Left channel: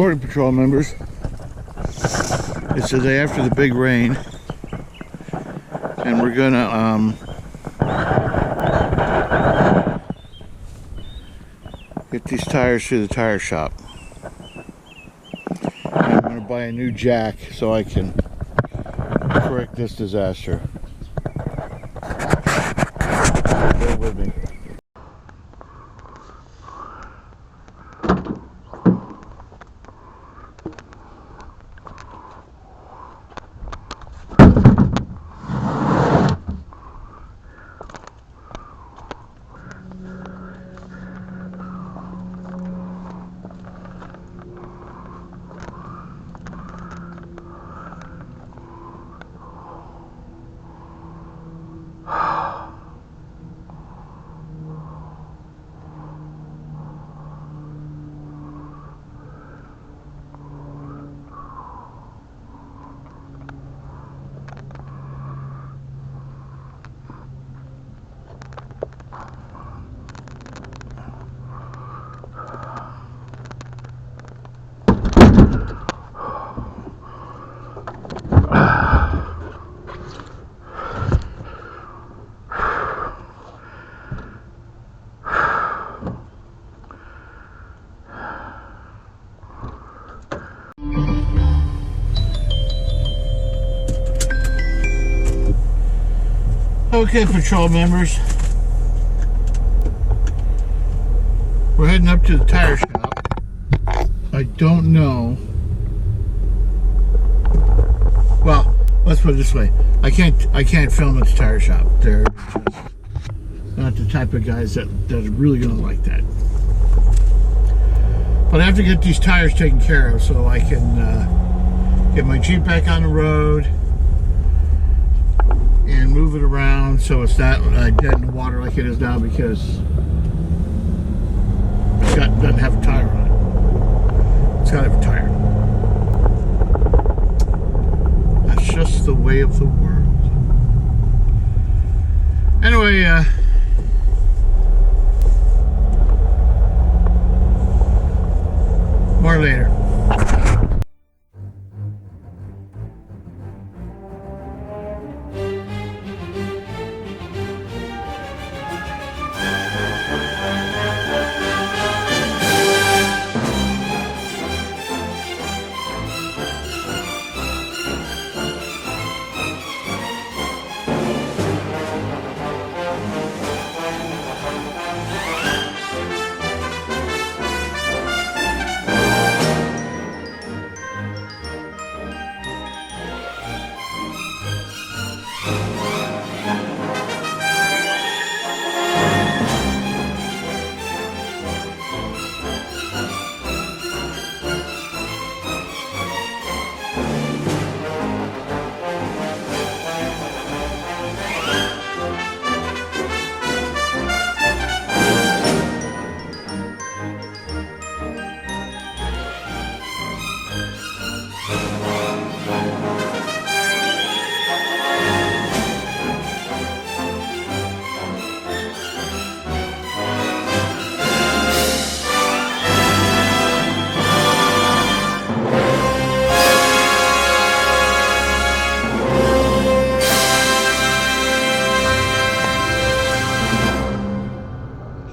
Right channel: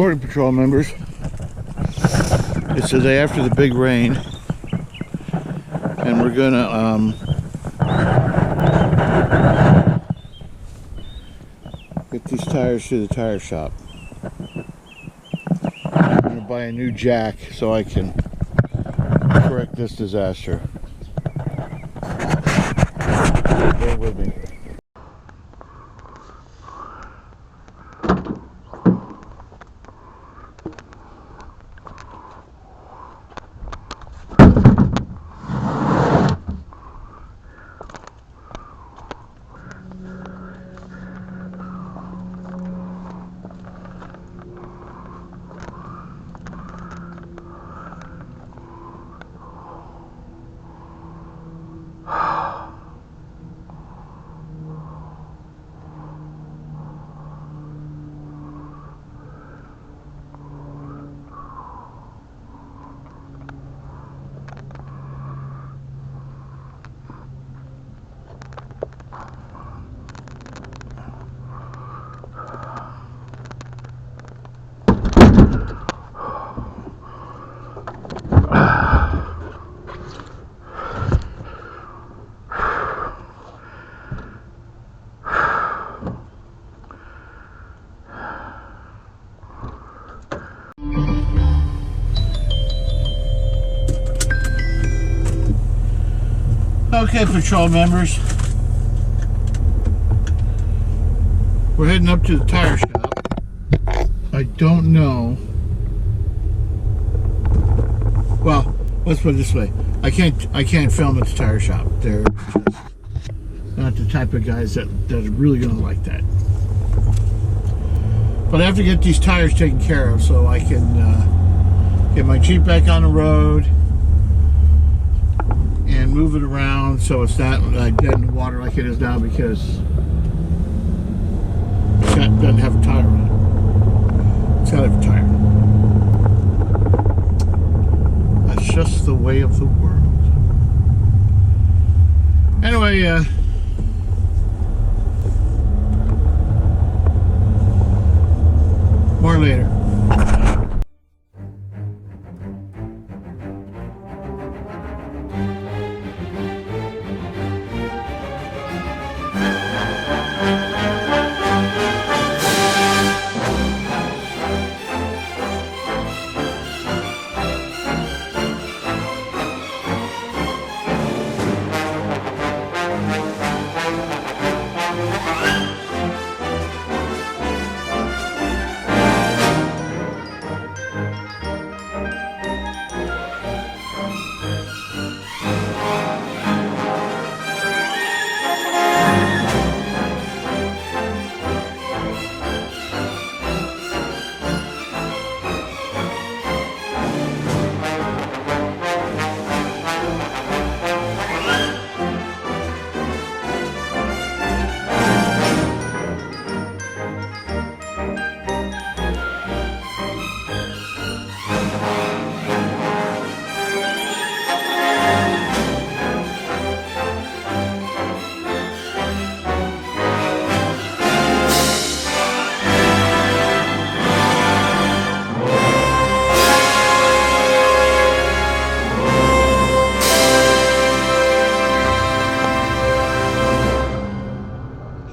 Border Patrol members, it's the day after the big rain, and we're gonna get these tires to the tire shop. And I'm gonna buy a new jack so I can correct this disaster. So bear with me. Okay, patrol members, we're heading up to the tire shop. I don't know. Well, let's put it this way: I can't film at the tire shop. They're just not the type of guys that are really gonna like that. But I have to get these tires taken care of so I can get my Jeep back on the road and move it around so it's not dead in the water like it is now, because it doesn't have a tire on it. It's got to have a tire. That's just the way of the world. Anyway, more later.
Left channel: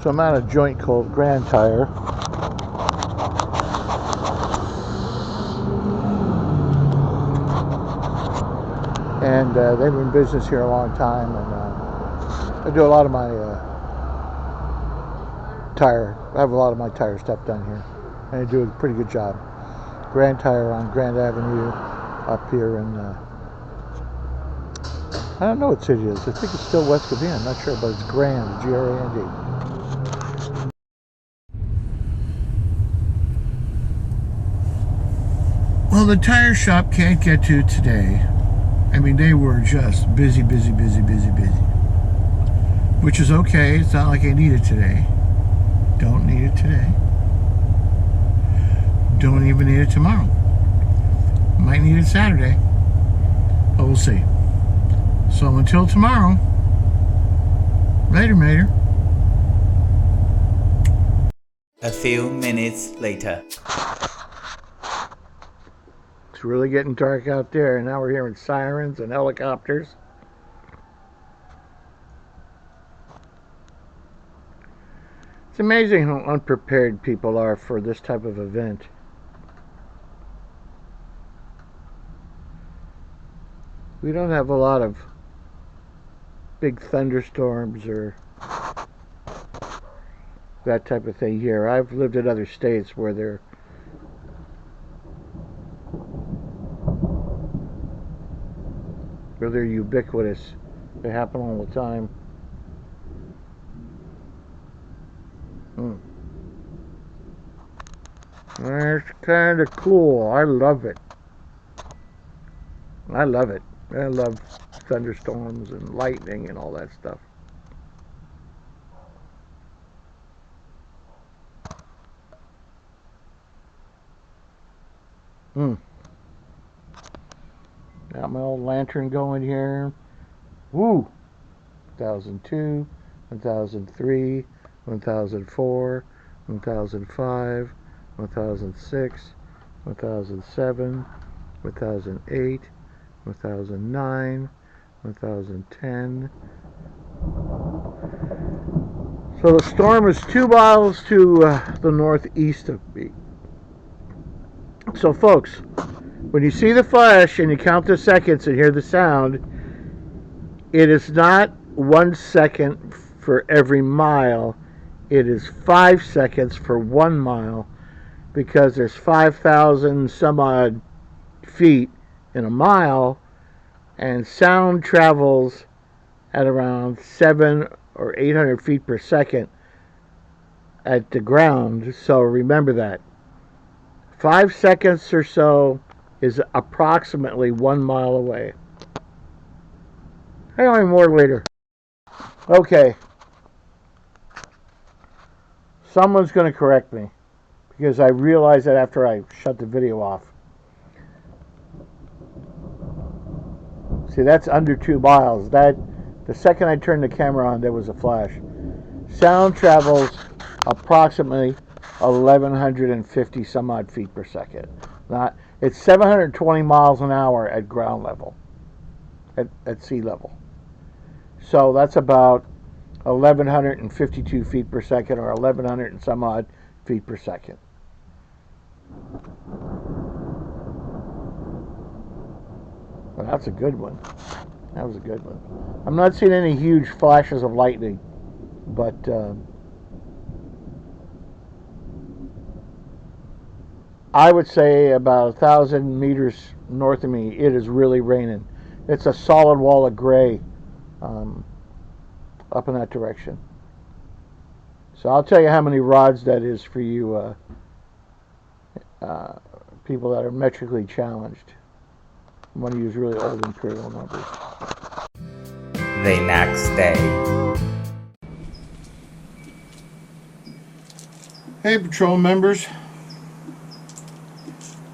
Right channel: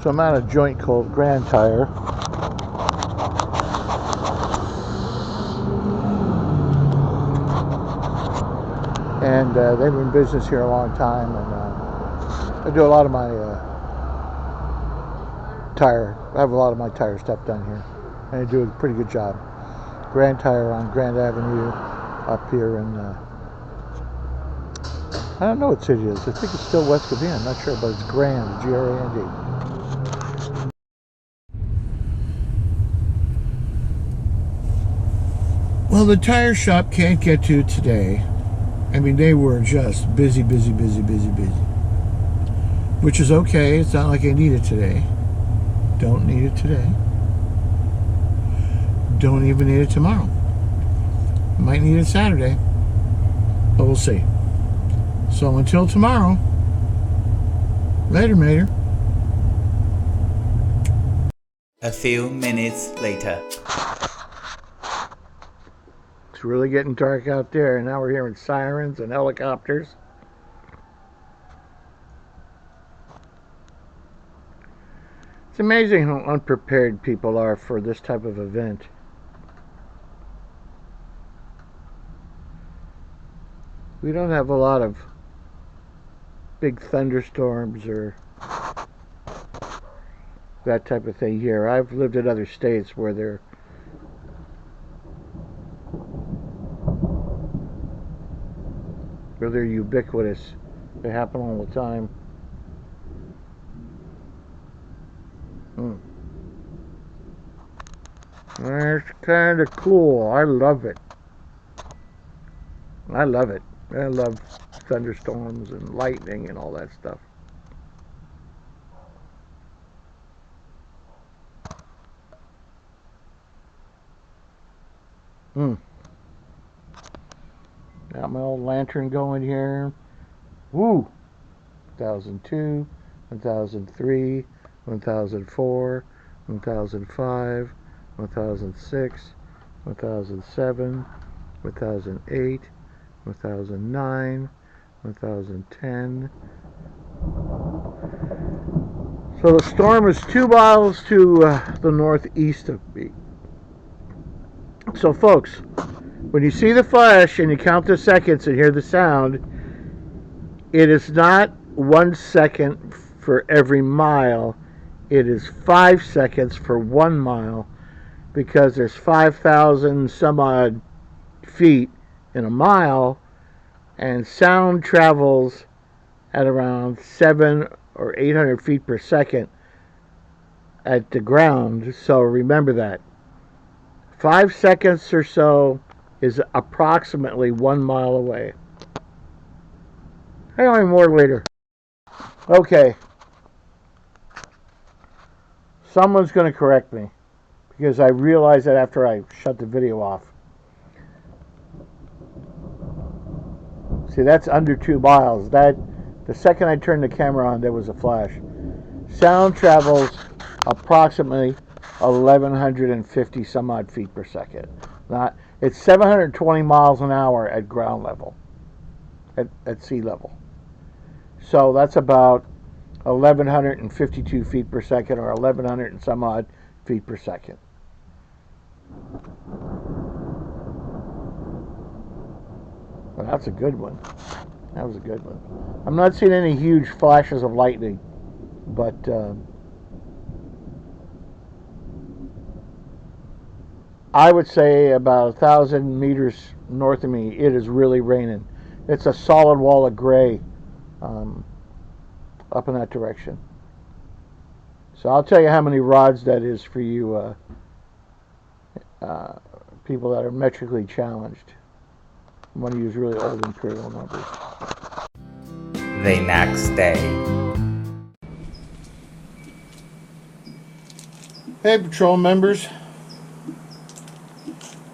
So I'm at a joint called Grand Tire. And they've been in business here a long time, and I do a lot of my I have a lot of my tire stuff done here, and they do a pretty good job. Grand Tire on Grand Avenue up here in, I don't know what city it is. I think it's still West Covina, I'm not sure, but it's Grand, G-R-A-N-D. Well, the tire shop can't get to today. I mean, they were just busy, which is okay. It's not like I need it today. Don't need it today. Don't even need it tomorrow. Might need it Saturday, but we'll see. So until tomorrow, later, Mater. A few minutes later. It's really getting dark out there, and now we're hearing sirens and helicopters. It's amazing how unprepared people are for this type of event. We don't have a lot of big thunderstorms or that type of thing here. I've lived in other states where they're ubiquitous. They happen all the time. That's kind of cool. I love it. I love it. I love thunderstorms and lightning and all that stuff. Got my old lantern going here. Woo! 1002, 1003, 1004, 1005, 1006, 1007, 1008, 1009, 1010. So the storm is 2 miles to the northeast of me. So folks, when you see the flash and you count the seconds and hear the sound, it is not 1 second for every mile. It is 5 seconds for 1 mile, because there's 5,000 some odd feet in a mile, and sound travels at around 700 or 800 feet per second at the ground. So remember that 5 seconds or so is approximately 1 mile away. Hang on, more later. Okay, someone's going to correct me, because I realized that after I shut the video off. See, that's under 2 miles. That, the second I turned the camera on, there was a flash. Sound travels approximately 1,150 some odd feet per second. It's 720 miles an hour at ground level, at sea level. So that's about 1,152 feet per second, or 1,100 and some odd feet per second. Well, that's a good one. That was a good one. I'm not seeing any huge flashes of lightning, but I would say about 1,000 meters north of me, it is really raining. It's a solid wall of gray up in that direction. So I'll tell you how many rods that is for you people that are metrically challenged. I want to use really old imperial numbers. The next day. Hey, patrol members.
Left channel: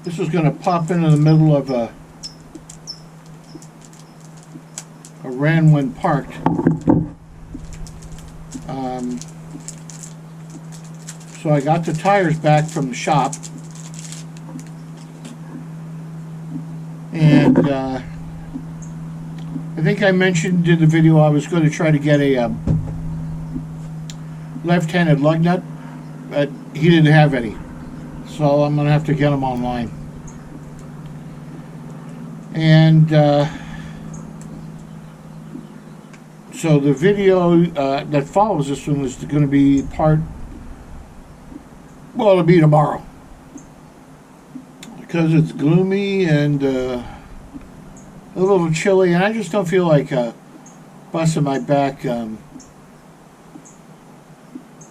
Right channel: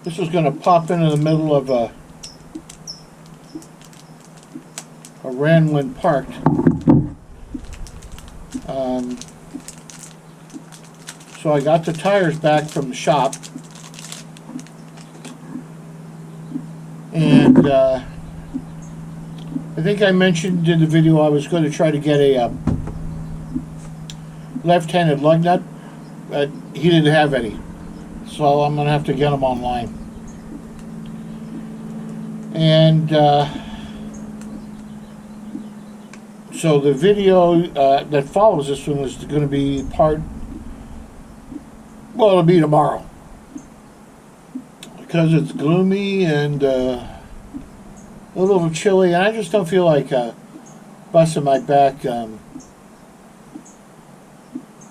This is going to pop into the middle of a ran when parked. So I got the tires back from the shop, and I think I mentioned in the video I was going to try to get a left-handed lug nut, but he didn't have any, so I'm going to have to get them online. And so the video that follows this one is going to be it'll be tomorrow, because it's gloomy and a little chilly, and I just don't feel like busting my back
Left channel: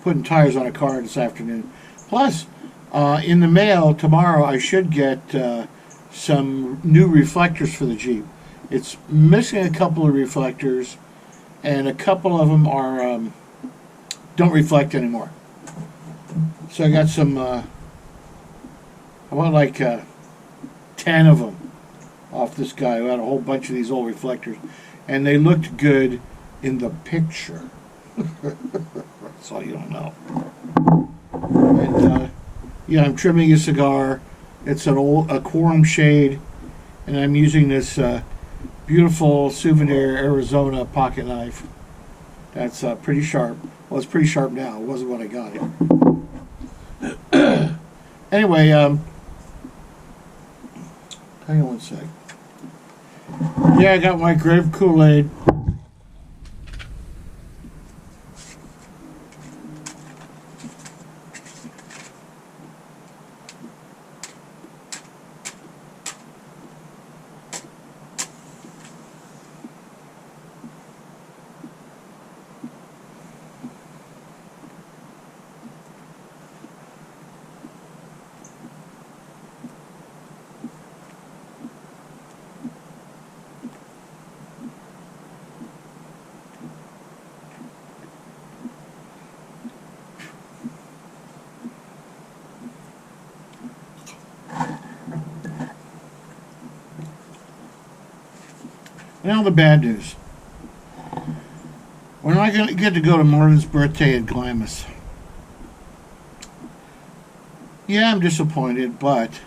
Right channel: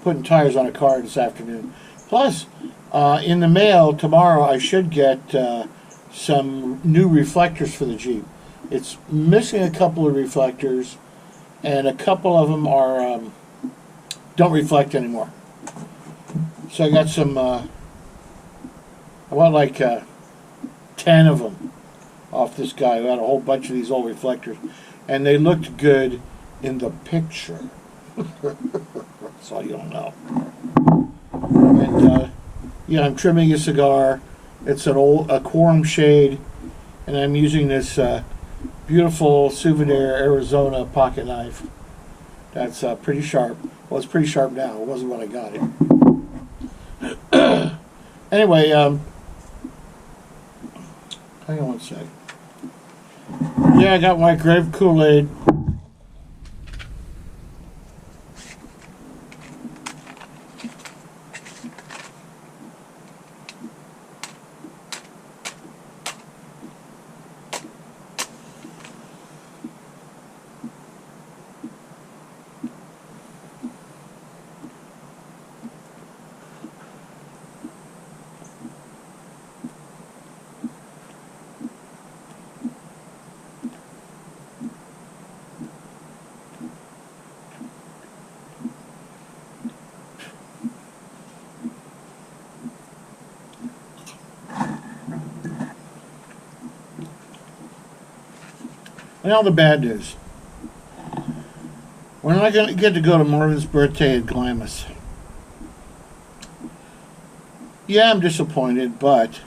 putting tires on a car this afternoon. Plus, in the mail tomorrow I should get some new reflectors for the Jeep. It's missing a couple of reflectors, and a couple of them are don't reflect anymore. So I got some, I bought like 10 of them off this guy who had a whole bunch of these old reflectors, and they looked good in the picture. So you don't know. And yeah, I'm trimming a cigar, It's a quorum shade, and I'm using this beautiful Souvenir Arizona pocket knife. That's pretty sharp. Well, it's pretty sharp now. It wasn't when I got it. Anyway, hang on one sec. Yeah, I got my grape Kool-Aid. Now the bad news. We're not going to get to go to Marvin's birthday at Glamis. Yeah, I'm disappointed, but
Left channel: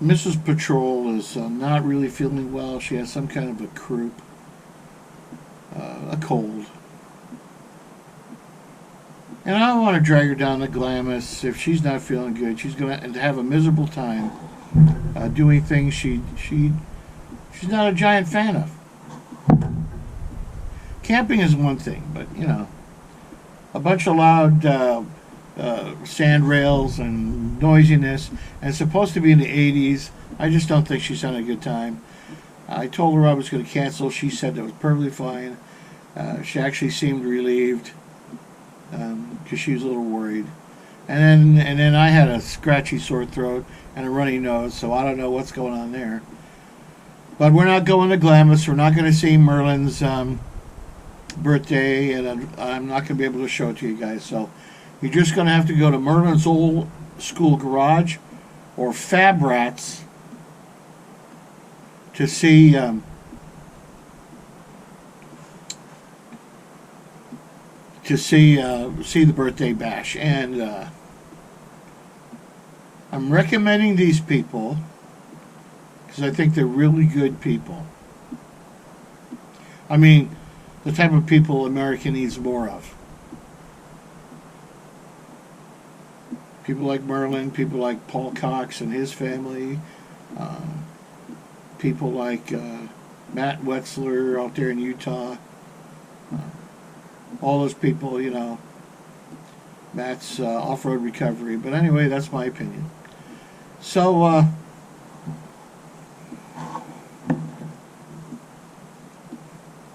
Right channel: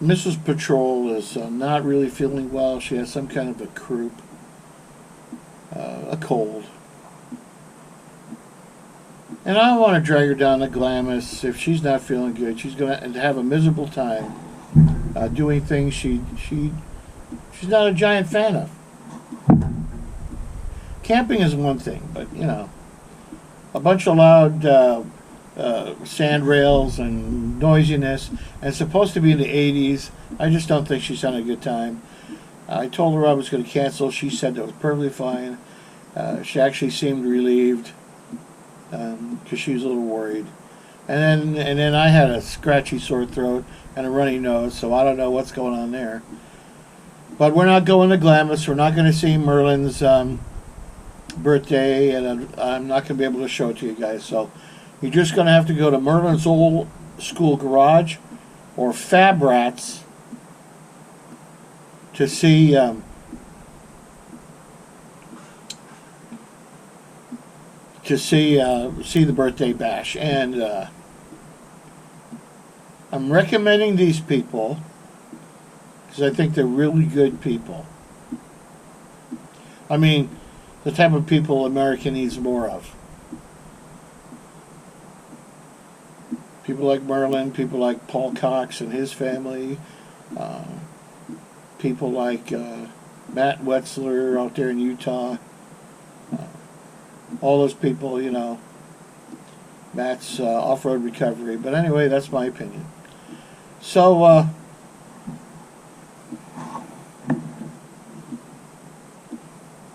Mrs. Patrol is not really feeling well. She has some kind of a croup, a cold. And I don't want to drag her down to Glamis. If she's not feeling good, she's going to have a miserable time doing things she's not a giant fan of. Camping is one thing, but you know, a bunch of loud sand rails and noisiness, and it's supposed to be in the 80s. I just don't think she's having a good time. I told her I was going to cancel. She said that was perfectly fine. She actually seemed relieved because she was a little worried. And then I had a scratchy sore throat and a runny nose, so I don't know what's going on there. But we're not going to Glamis. We're not going to see Merlin's birthday, and I'm not going to be able to show it to you guys. So you're just going to have to go to Merlin's old school garage or Fab Rats to see see the birthday bash. And I'm recommending these people because I think they're really good people. I mean, the type of people America needs more of. People like Merlin, people like Paul Cox and his family, people like Matt Wetzler out there in Utah. All those people, you know, Matt's off-road recovery. But anyway, that's my opinion. So,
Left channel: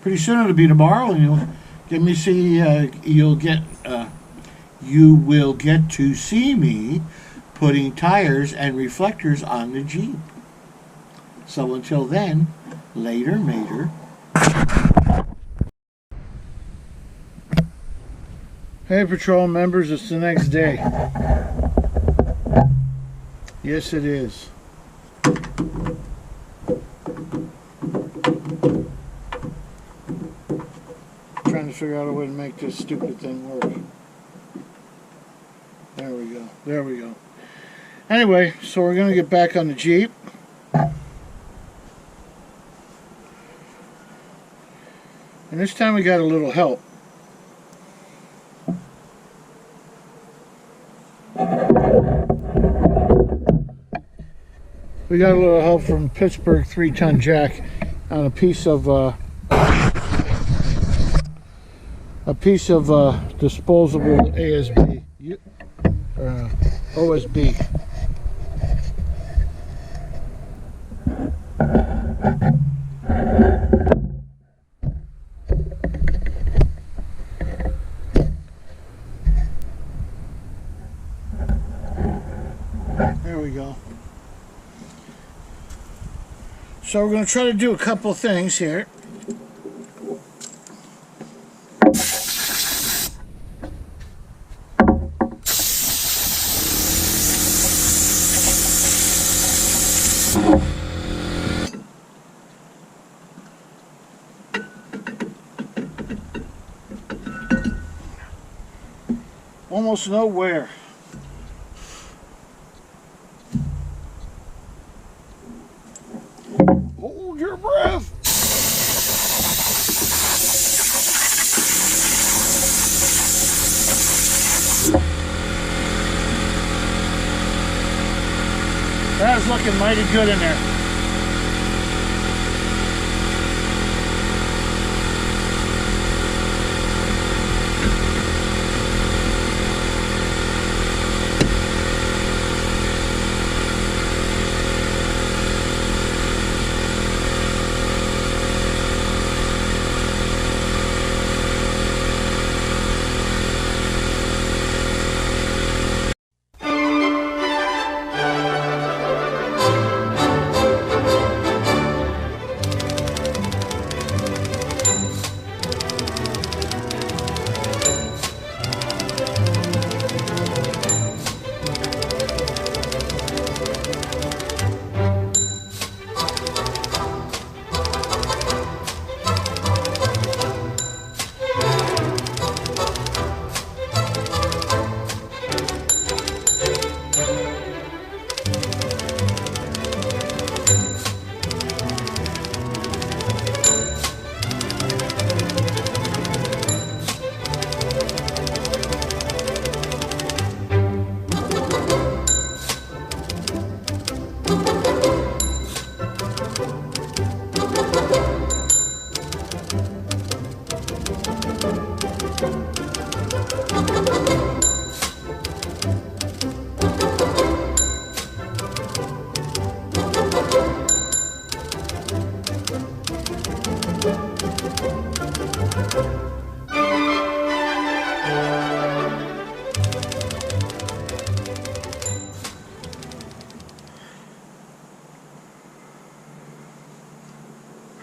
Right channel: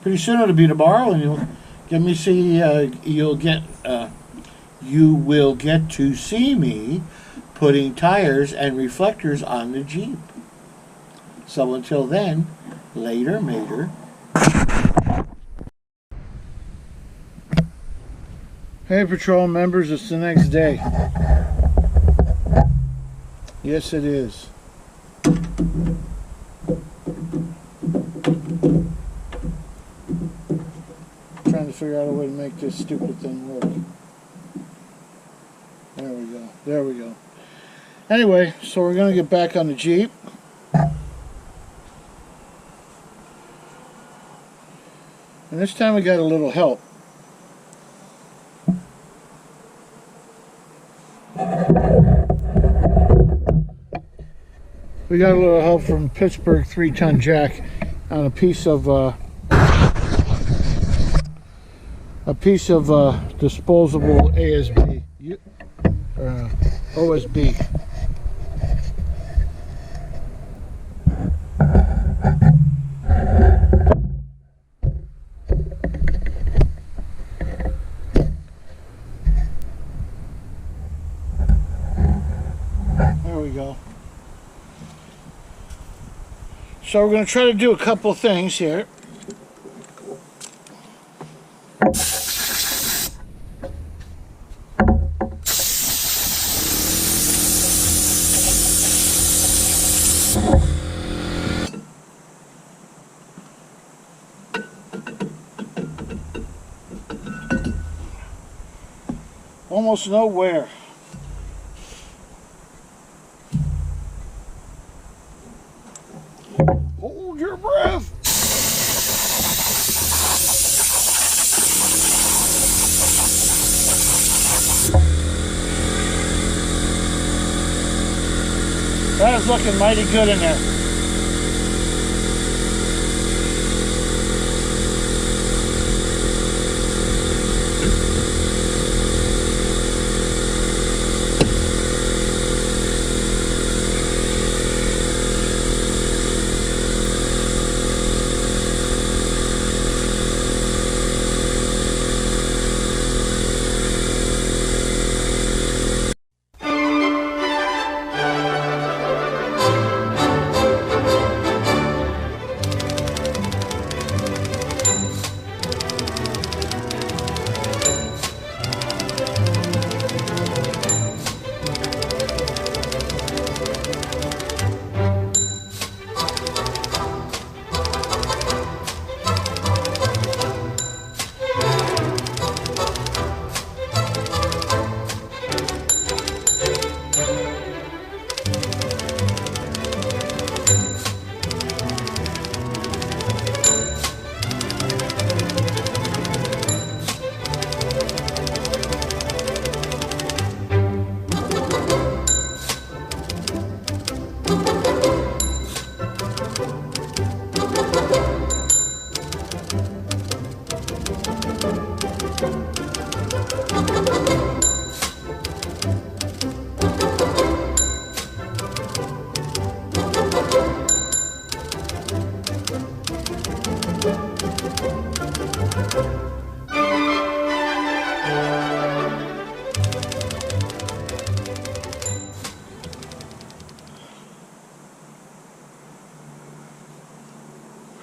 pretty soon it'll be tomorrow, and you'll get me see. You will get to see me putting tires and reflectors on the Jeep. So until then, later, mater. Hey, patrol members, it's the next day. Yes, it is. Trying to figure out a way to make this stupid thing work. There we go. There we go. Anyway, so we're going to get back on the Jeep. And this time we got a little help. We got a little help from Pittsburgh 3-ton jack on a piece of disposable ASB, OSB. There we go. So we're going to try to do a couple things here. almost nowhere. Hold your breath. That is looking mighty good in there.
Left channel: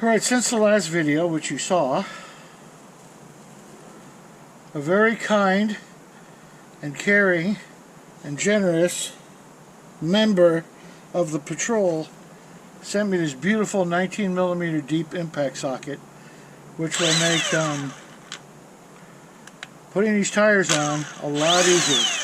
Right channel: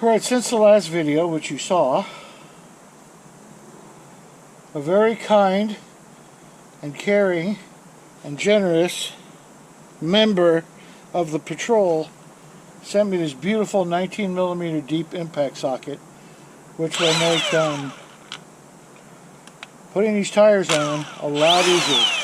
Alright, since the last video, which you saw, a very kind and caring and generous member of the patrol sent me this beautiful 19mm deep impact socket, which will make putting these tires on a lot easier.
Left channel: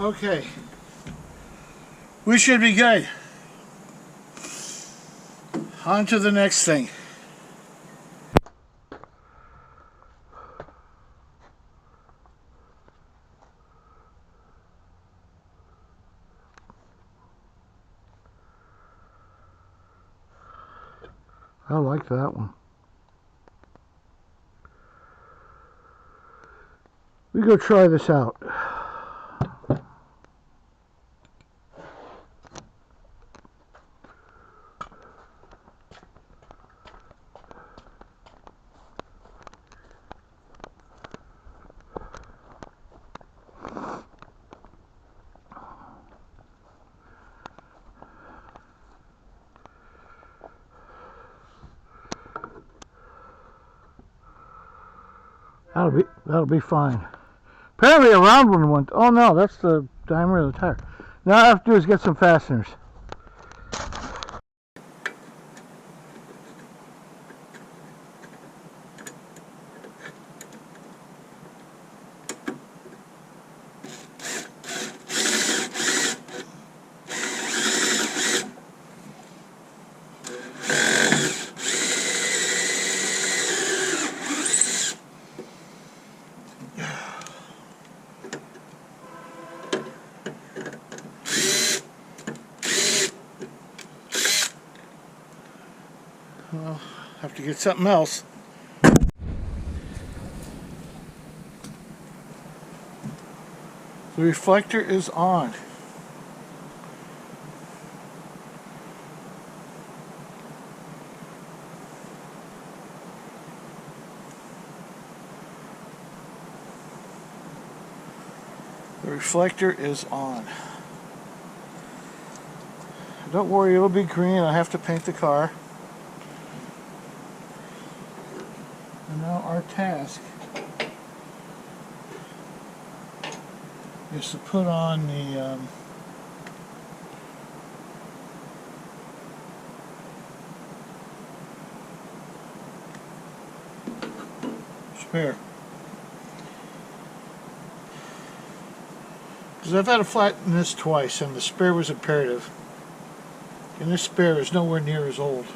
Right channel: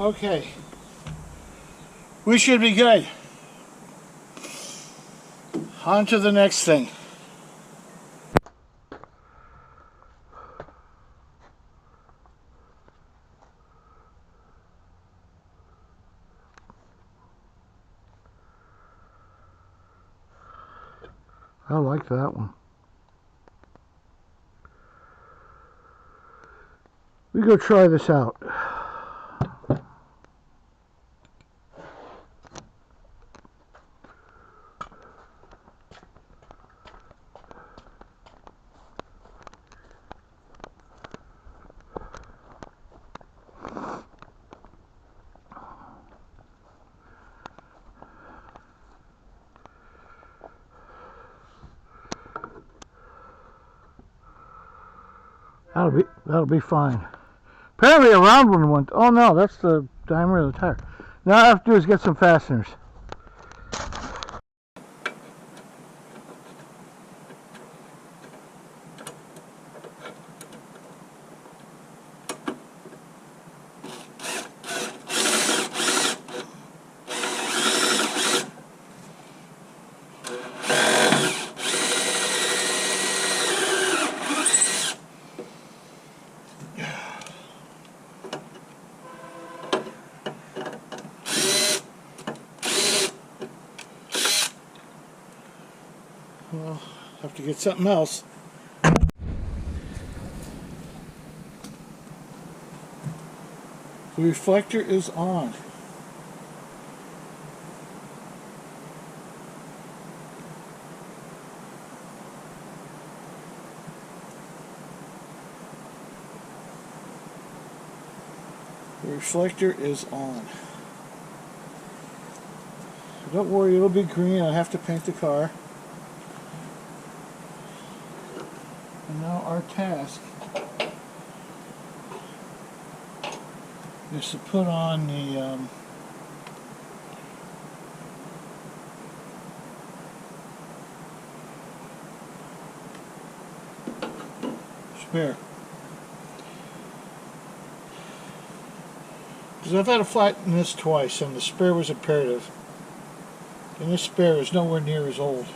Okay, we should be good. On to the next thing. I like that one. We go try this out. That'll be fine. Apparently a round one went. Oh no, that's the diameter of the tire. Now all I have to do is get some fasteners. Well, have to get something else. The reflector is on. The reflector is on. Don't worry, it'll be green. I have to paint the car. And now our task is to put on the spare. Because I've had to flatten this twice and the spare was imperative. And this spare is nowhere near as old.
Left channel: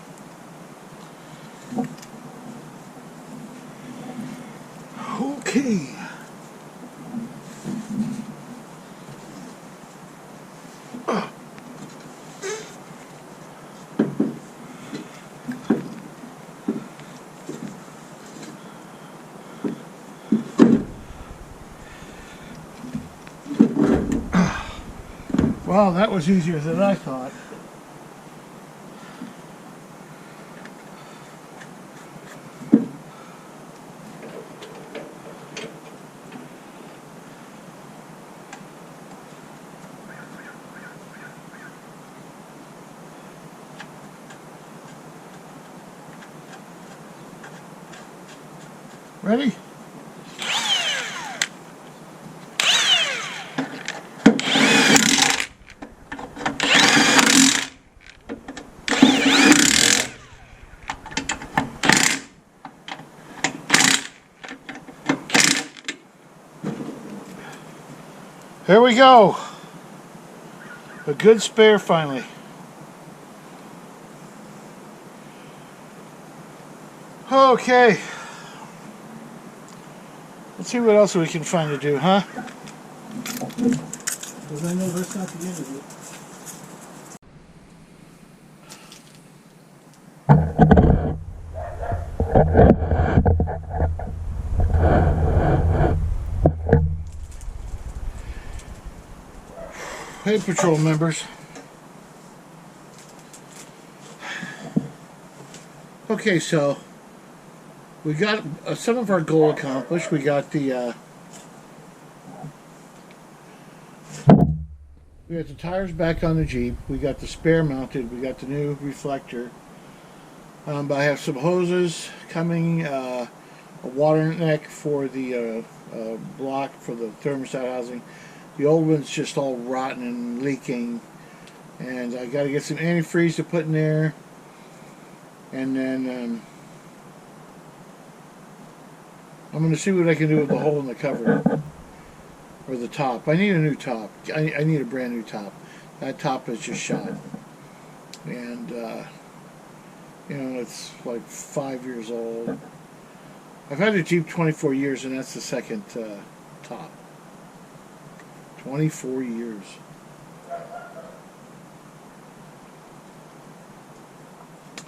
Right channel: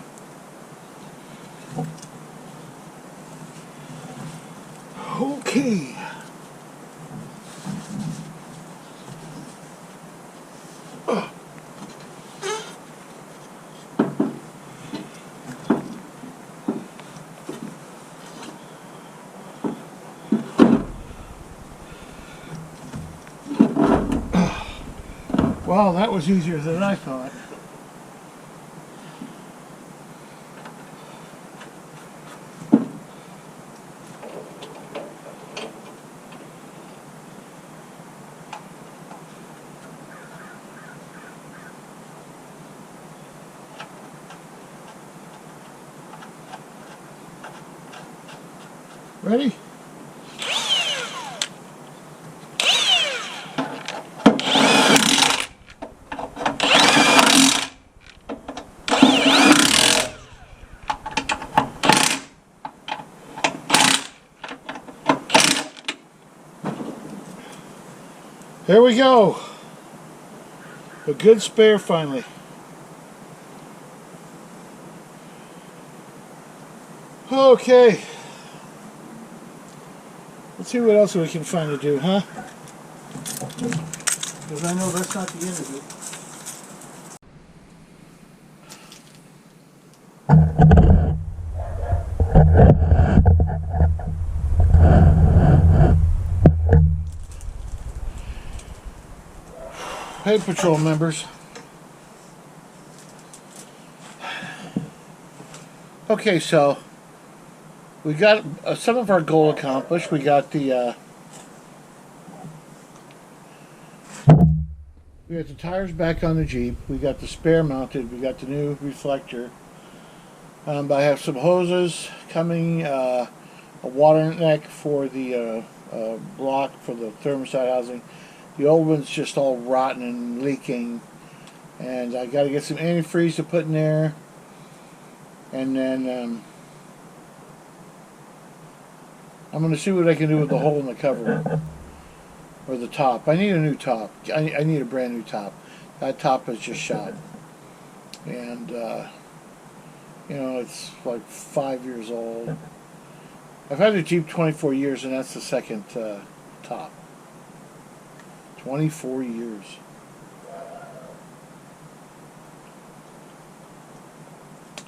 Okay. Wow, that was easier than I thought. Ready? There we go. A good spare finally. Okay. Let's see what else we can find to do, huh? Because I know that's not the end of it. Hey, patrol members. Okay, so we got some of our goal accomplished. We got the tires back on the Jeep. We got the spare mounted. We got the new reflector. But I have some hoses coming. A water neck for the block for the thermostat housing. The old one's just all rotten and leaking, and I got to get some antifreeze to put in there, and then I'm going to see what I can do with the hole in the cover or the top. I need a new top. I need a brand new top. That top is just shot, and you know, it's like 5 years old. I've had a Jeep 24 years, and that's the second top. 24 years.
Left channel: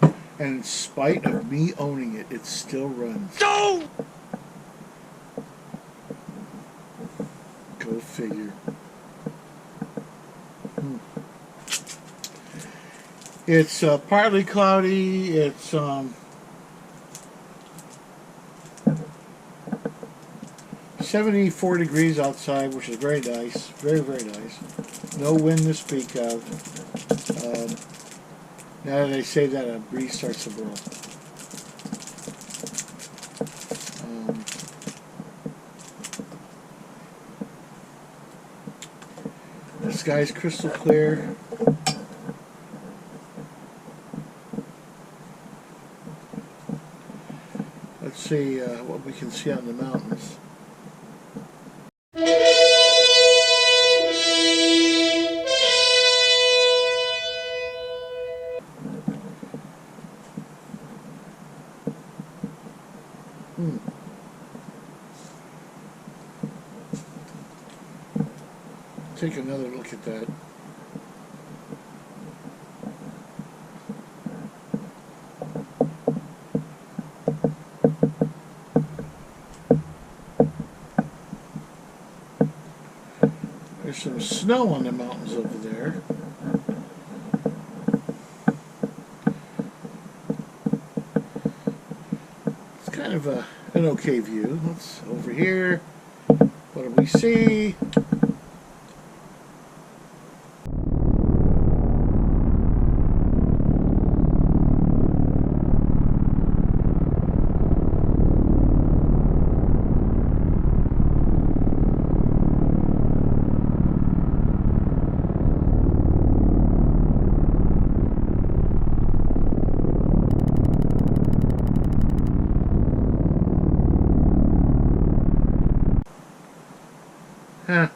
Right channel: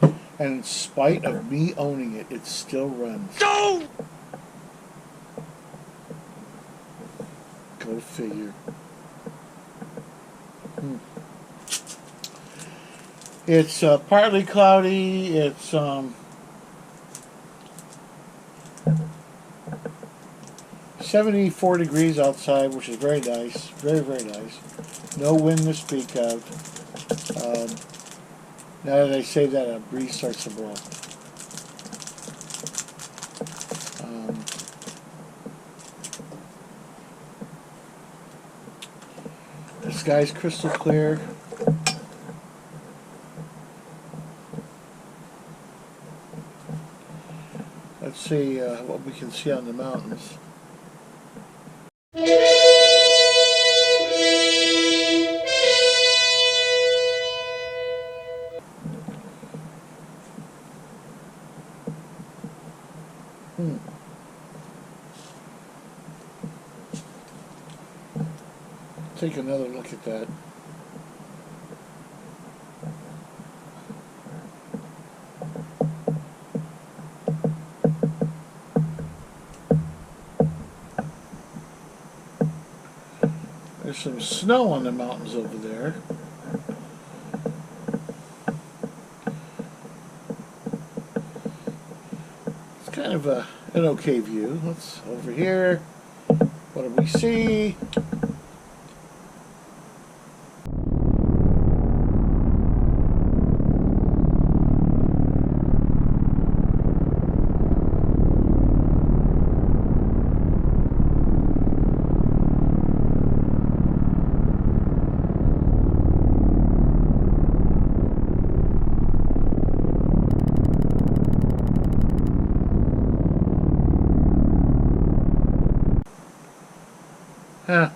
And in spite of me owning it, it still runs. No! Go figure. It's partly cloudy. It's 74 degrees outside, which is very nice. Very, very nice. No wind to speak of. Now that I say that, a breeze starts to blow. The sky's crystal clear. Let's see what we can see on the mountains. Take another look at that. There's some snow on the mountains over there. It's kind of an okay view. Let's over here. What do we see? Huh.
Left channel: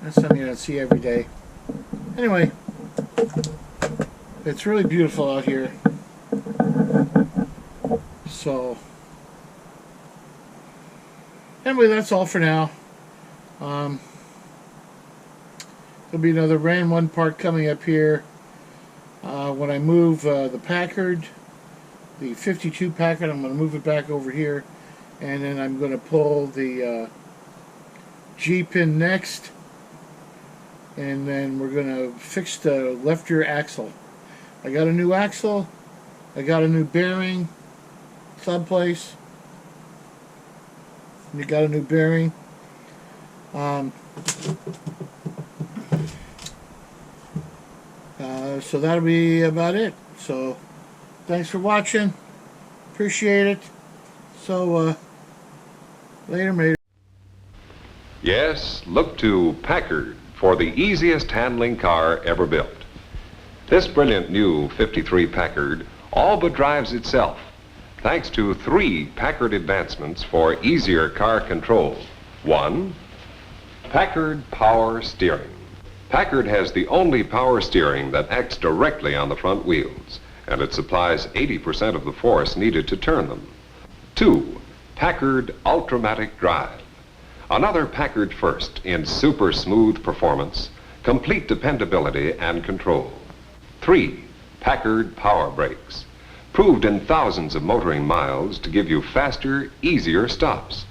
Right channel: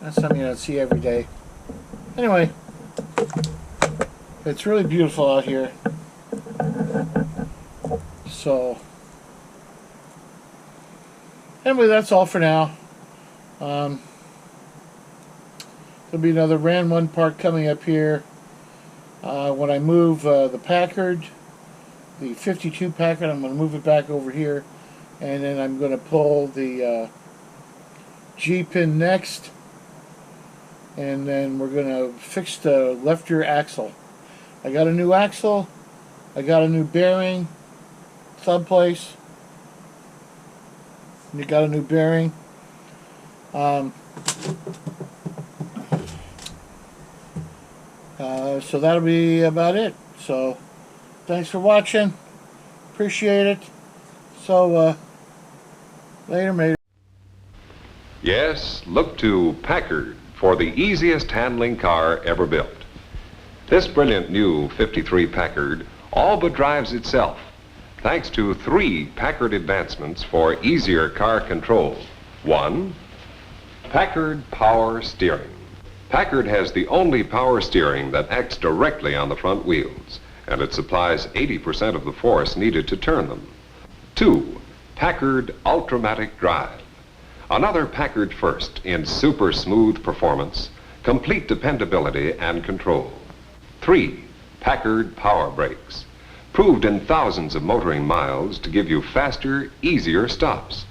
That's something you don't see every day. Anyway, it's really beautiful out here. So, anyway, that's all for now. There'll be another Ran 1 part coming up here. When I move the Packard, the 52 Packard, I'm going to move it back over here. And then I'm going to pull the G-pin next, and then we're going to fix the left rear axle. I got a new axle, I got a new bearing, sub place, you got a new bearing. So that'll be about it. So thanks for watching, appreciate it. So later, mate. Yes, look to Packard for the easiest handling car ever built. This brilliant new 53 Packard all but drives itself, thanks to 3 Packard advancements for easier car control. 1, Packard Power Steering. Packard has the only power steering that acts directly on the front wheels, and it supplies 80% of the force needed to turn them. 2, Packard Ultramatic Drive. Another Packard first in super smooth performance, complete dependability and control. 3, Packard Power Brakes. Proved in thousands of motoring miles to give you faster, easier stops.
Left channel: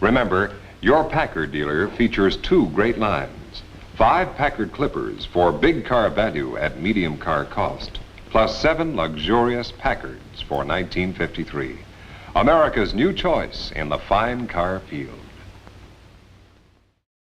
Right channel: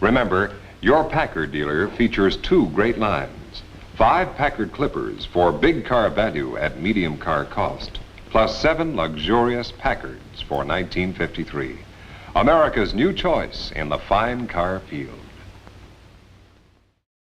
Remember, your Packard dealer features 2 great lines. 5 Packard clippers for big car value at medium car cost, plus 7 luxurious Packards for 1953. America's new choice in the fine car field.